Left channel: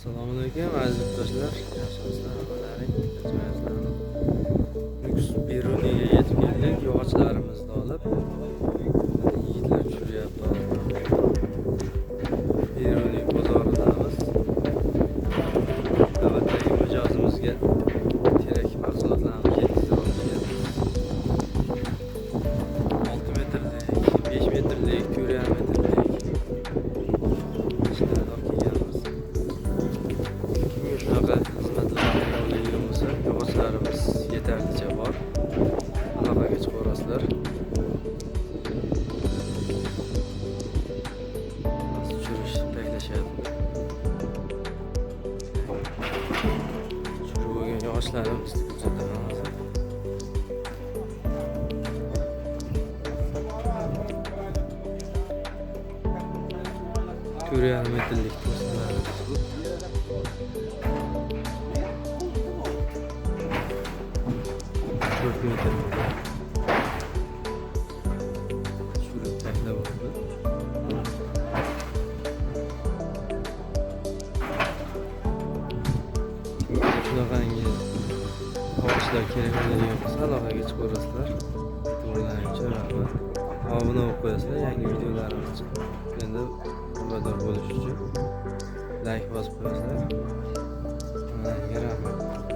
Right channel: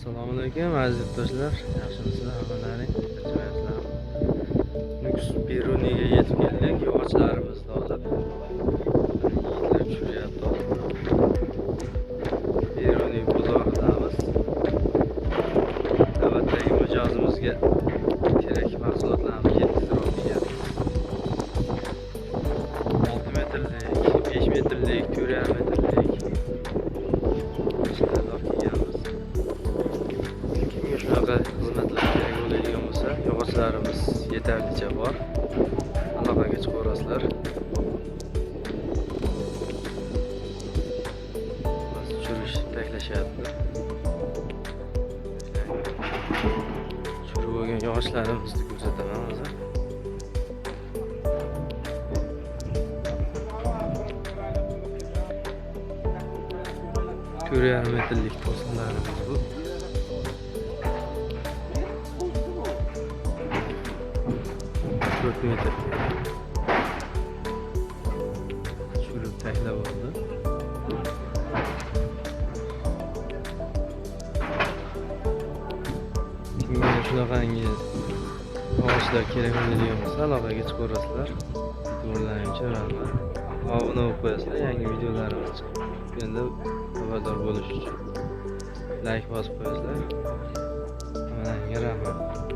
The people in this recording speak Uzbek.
Assalomu alaykum aziz yurtdoshlar, yaxshimisizlar hammalaring? Nukus Beruniyga yetib keldik, yog'ochlarimizni olib. Yigitlar tushiryapti. Beruniy bozoridamiz. Navbatdagi mijozimizga kerak mahsulotlarni yetkazib beryapmiz. 6 metrlik, 5 metrlik, 4,5 metrlik shunaqa o'rnatilishi kerak bo'ladigan bo'lsa, yog'ochlarimiz yetarlicha bor. Aloqaga chiqaverasizlar. Tushirish taklashyapti. Tushirib bo'lgan yog'ochlarimizni ko'rsataman hozir. Ko'ryapsizlar metrlik to'siqlarimiz bu. 4 metre tushirib taklab oldi. Kimga shunaqangi yog'ochlar kerak bo'ladigan bo'lsa aloqaga chiqaverasizlar. E'tiborlaringizga rahmat. Obuna bo'lib qo'yasizlar, yangi videolarimiz chiqqanda xabardor bo'lish uchun like bosib qo'yasizlar. Hammaga rahmat.